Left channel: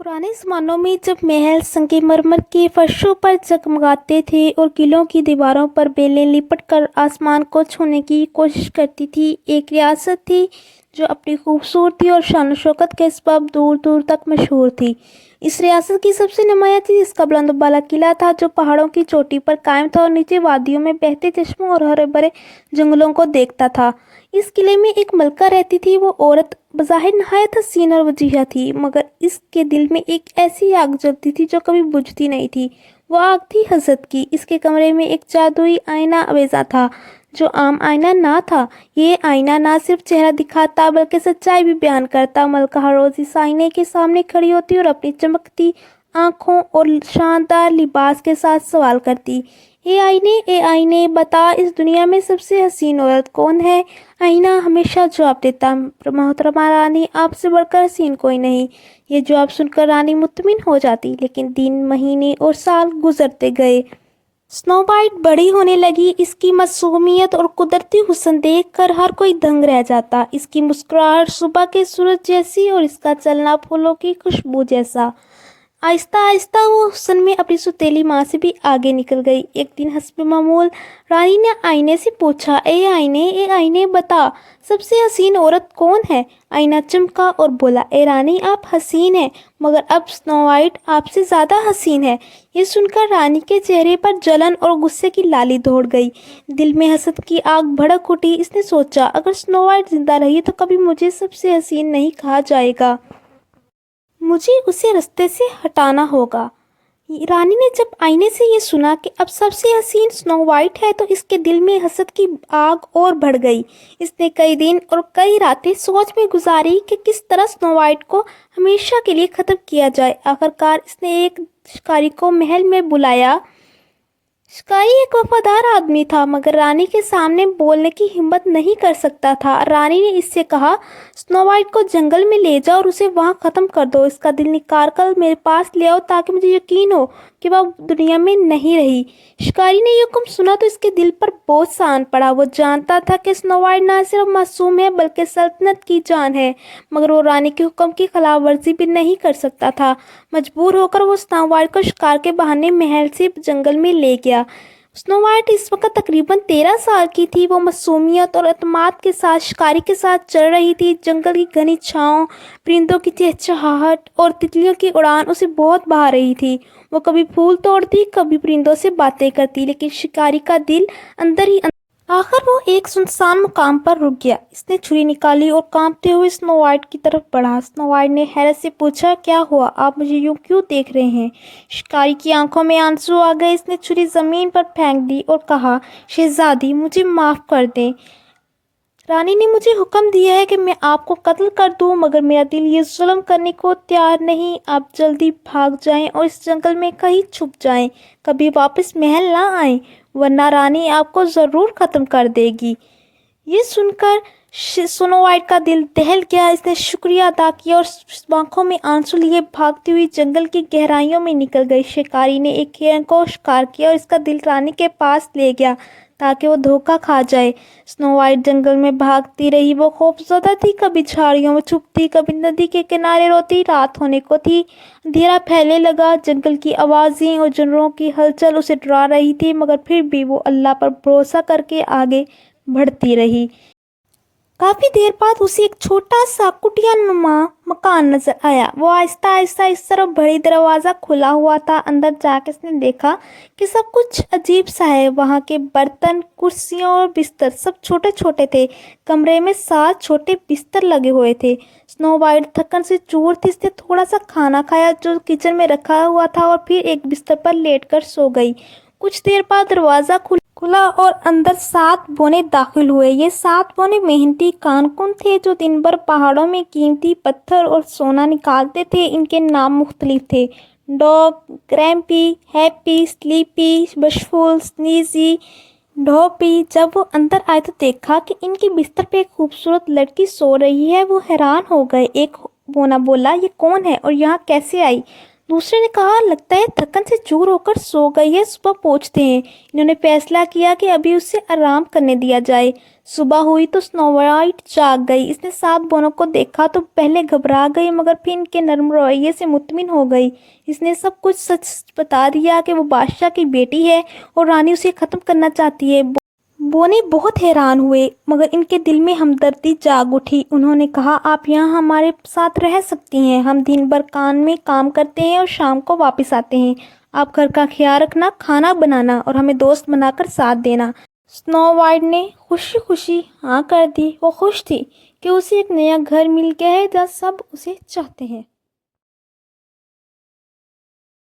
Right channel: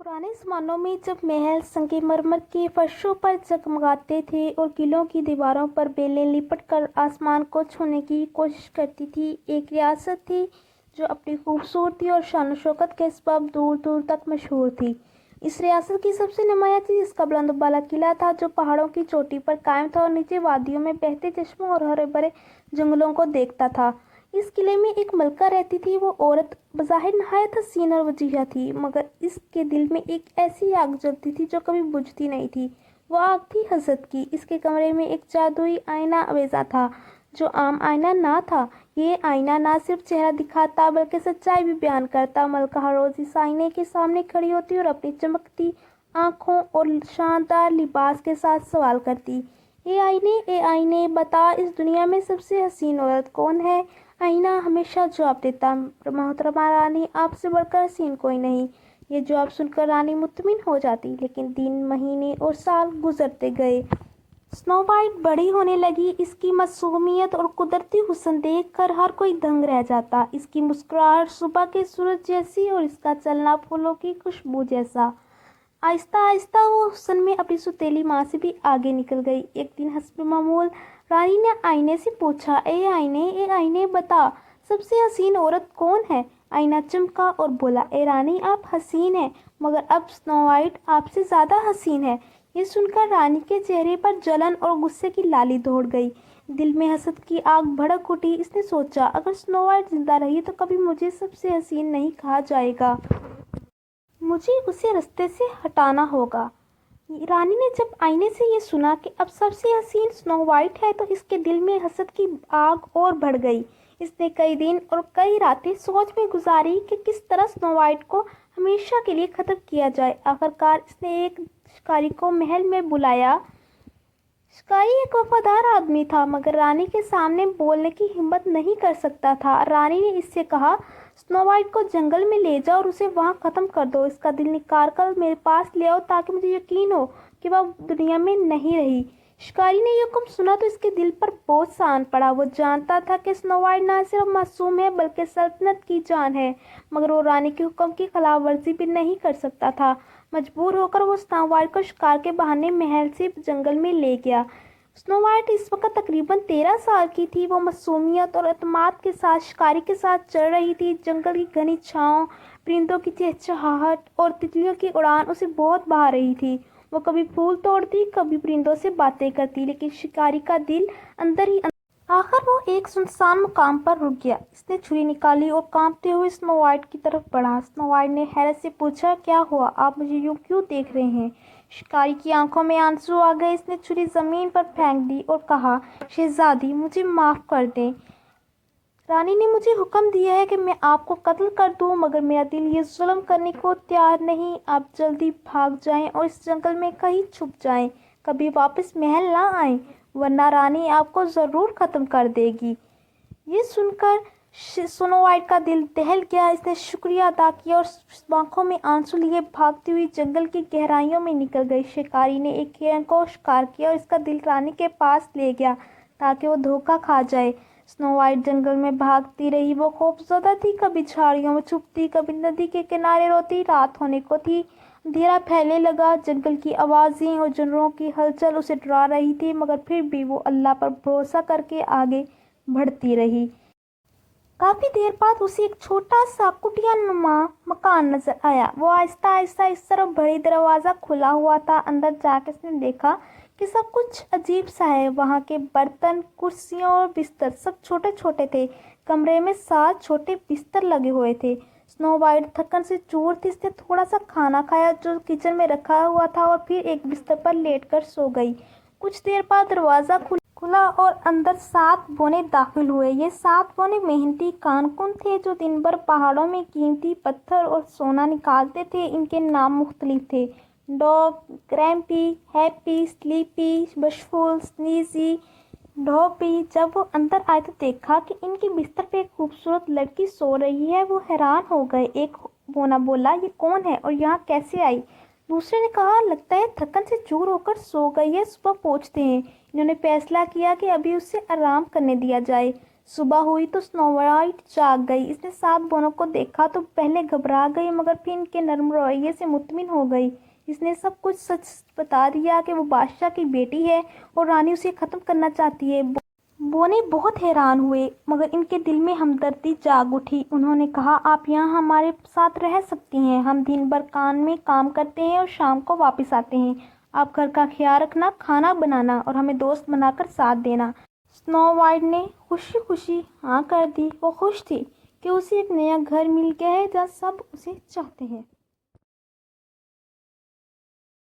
पुराने ज़मानों में जब महल संगमरमर के फर्शों पर जगमगाते थे और किलों की दीवारों पर बेलें लिपट कर आसमान को छूने की कोशिश करती थी, एक रियासत थी जो अपनी खूबसूरती और शान शौकत के सबब दूर दूर तक मशहूर थी। इस रियासत की सबसे नुमायाँ चीज़ इसका बुलंद बाला किला था, जो पहाड़ों की चोटी पर कायम था और नीचे वादियों में बहते चश्मों और हरे भरे जंगलों को देखता था। इस किले में एक मलका रहती थी। वो औरत बज़ाहिर नहायत हसीन और वजीहा थी, मगर इसके दिल में एक ऐसी आग जलती थी जो कभी बुझती नहीं थी। वो आग थी हसद की। इसके कमरे में एक जादुई आईना अवेजा था, जो आम आईना ना था। ये आईना ना सिर्फ चेहरा दिखाता बल्कि सच्चाई भी बयान करता। मलका हर रोज़ इस आईने के सामने खड़ी होती और अपनी चमकती आँखों और शानदार लिबास के साथ सवाल करती, ए आईने बता, इस दुनिया में सबसे हसीन औरत कौन है? आईना हमेशा जवाब देता, मोहतरमा रानी, आपसे बढ़कर हसीन कोई नहीं। ये जवाब सुनकर रानी मुतमिन हो जाती। लेकिन दिन, महीने और साल गुजरते गए। स्नो वाइट बड़ी होने लगी। इसकी मासूमियत और कुदरती हुस्न देख कर हर कोई दंग रह जाता। इसकी मुस्कुराहट सुबह के सूरज जैसी और इसका चलना फूलों की खुशबू जैसा। आहिस्ता आहिस्ता वो हुस्न में अपनी सुतीली माँ से भी आगे निकल गई। एक दिन हस्ब मामूल रानी ने आईने से पूछा, ए आईने बता, सबसे हसीन औरत कौन है? आईना चमका और बोला, ए रानी, आप हसीन हैं, मगर अब स्नो वाइट आपसे ज़्यादा हसीन है। ये सुनकर रानी के चेहरे पर जलन और गुस्से की लाली दौड़ गई। दिल में हसद की आग भड़क उठी। इसने सोचा, अगर स्नो वाइट जिंदा रही तो कभी मुझे सबसे हसीन नहीं कहा जाएगा, मुझे उसे रास्ते से हटाना होगा। रानी ने जब आईने से ये सुना कि अब सबसे हसीन स्नो वाइट है, तो इसके दिल में हसद की आग और बढ़ गई। इसने कई दिन और कई रातें सोच में गुजारी कि किस तरह स्नो वाइट को हमेशा के लिए ख़त्म किया जाए। आखिरकार इसने एक शिकारी को महल में बुलाया। शिकारी एक वफादार आदमी था, मगर रानी के सामने बोलने की हिम्मत नहीं कर सकता था। रानी ने इससे कहा, स्नो वाइट को जंगल में ले जाओ और उसे वहां ख़त्म कर दो। इसका दिल निकाल कर मेरे पास ले आओ, ताकि मुझे यकीन हो कि वह दुनिया में नहीं रही। शिकारी ने यह हुक्म सुना तो इसके दिल पर बोझ सा आन पड़ा। वो जानता था कि स्नो वाइट ना सिर्फ मासूम है बल्कि सल्तनत की जान है, मगर वो रानी के हुक्म की खिलाफ वर्जी भी नहीं कर सकता था। मजबूर होकर वो स्नो वाइट को शिकार के बहाने महल से जंगल में ले गया। स्नो वाइट इस वक्त तकरीबन 13 साल की थी। वो मासूमियत और अतमाद के साथ शिकारी के साथ चल रही थी। जंगल की घनी छाँव, परिंदों की चहचहाहट और तितलियों की उड़ान उसे बहुत भा रही थी। वो कभी फूल तोड़ती, कभी परिंदों से बातें करती, लेकिन शिकारी का दिल अंदर ही आखिर वो एक सुनसान मुकाम पर रुक गया। इसने छुरी निकाली और कांपते हुए स्नो वाइट की तरफ बढ़ा। स्नो वाइट ने हैरत से पूछा, क्या हुआ? आप मुझे यूं क्यों देख रहे हैं? शिकारी की आंखों में आंसू आ गए। इसने छुरी जमीन पर फेंक दी और कहा, शहजादी, मुझे माफ़ कर दें। रानी ने मुझे हुक्म दिया है कि मैं आपको कत्ल कर दूं, मगर मेरा दिल ये जुल्म करने को तैयार नहीं। आप जल्दी भाग जाएं और इस जंगल में कहीं छुप जाएं, कभी वापस महल ना आएं, वरना रानी आपको ज़रूर ख़त्म कर देगी। ये सुनकर स्नो वाइट का दिल दहल गया। इसने शुक्रिया अदा किया और आंखों में आंसू लिए भागती हुई जंगल की गहराइयों में निकल गई। शिकारी ने एक हिरन को शिकार किया और इसका दिल रानी के पास ले गया ताकि वो धोखा खा जाए। स्नो वाइट जंगल में भागती रही। वो खौफज़दा थी, कभी झाड़ियों में छुपती, कभी नदी के किनारे रोती। रात होने को थी, अंधेरा फैलने लगा। जंगल की आवाज़ें और जानवरों की हलचल उसे डरा रही थी, मगर फिर भी वो अल्लाह पर भरोसा करके आगे बढ़ती रही। काफ़ी देर बाद उसे एक छोटा सा कुटिया नुमा मकान नजर आया। वो आहिस्ता आहिस्ता इस तरफ बड़ी, दरवाज़ा खुला हुआ था। अंदर जाकर इसने देखा कि सब कुछ अजीब सा है। वहाँ के बर्तन, कुर्सियाँ और बिस्तर सब छोटे छोटे थे। कमरे में 7 छोटे बिस्तर लगे हुए थे। स्नो वाइट थकन से चूर थी। इसने थोड़ा सा खाना खाया जो किचन में रखा हुआ था और फिर एक बिस्तर पर लेटकर सो गई। कुछ देर बाद दरवाज़ा खुला और अंदर 7 बौने दाखिल हुए। ये 7 बौने मेहनती कारकुन थे जो दिन भर पहाड़ों में कीमती पत्थर और सोना निकालते थे। इनके नाम मुख्तलिफ थे, डॉग, ग्रैम्पी, हैप्पी, स्लीपी, बशफुल, स्नीजी, ढोपी। जब वो अंदर आए तो देखा कि इनके बिस्तर पे एक खूबसूरत लड़की सो रही है। वो हैरान हो गए। एक बोना बोला, ये कौन है और यहाँ कैसे आई? दूसरे ने कहा, लगता है थकन से चूर होकर सो गई है, सुबह पहुँचते हैं। इन्होंने फैसला किया कि अभी उसे आराम करने दिया जाए। صبح ہوئی تو سنو وائٹ جاگ گئی۔ اس نے 7 بونوں کو دیکھا تو پہلے گھبرا گئی مگر پھر ان کے نرم رویے سے مطمئن ہو گئی۔ اس نے سب کچھ سچ بتا دیا کہ وہ بادشاہ کی بیٹی ہے اور رانی اسے ختم کرنا چاہتی ہے۔ بونے بہت حیران ہوئے مگر ان کے دل میں ہمدردی جاگ اٹھی۔ انہوں نے کہا آپ یہاں ہمارے ساتھ رہ سکتی ہیں، ہم دن بھر کان میں کام کرتے ہیں اور شام کو واپس آتے ہیں۔ آپ گھر کا خیال رکھنا، کھانا بنانا اور ہمیں دوست بنا کر ساتھ دینا۔ سنو وائٹ نے خوشی خوشی ہاں کر دی۔ وہ خوش تھی کہ اسے ایک نیا گھر مل گیا ہے جہاں سب اسے چاہتے ہیں۔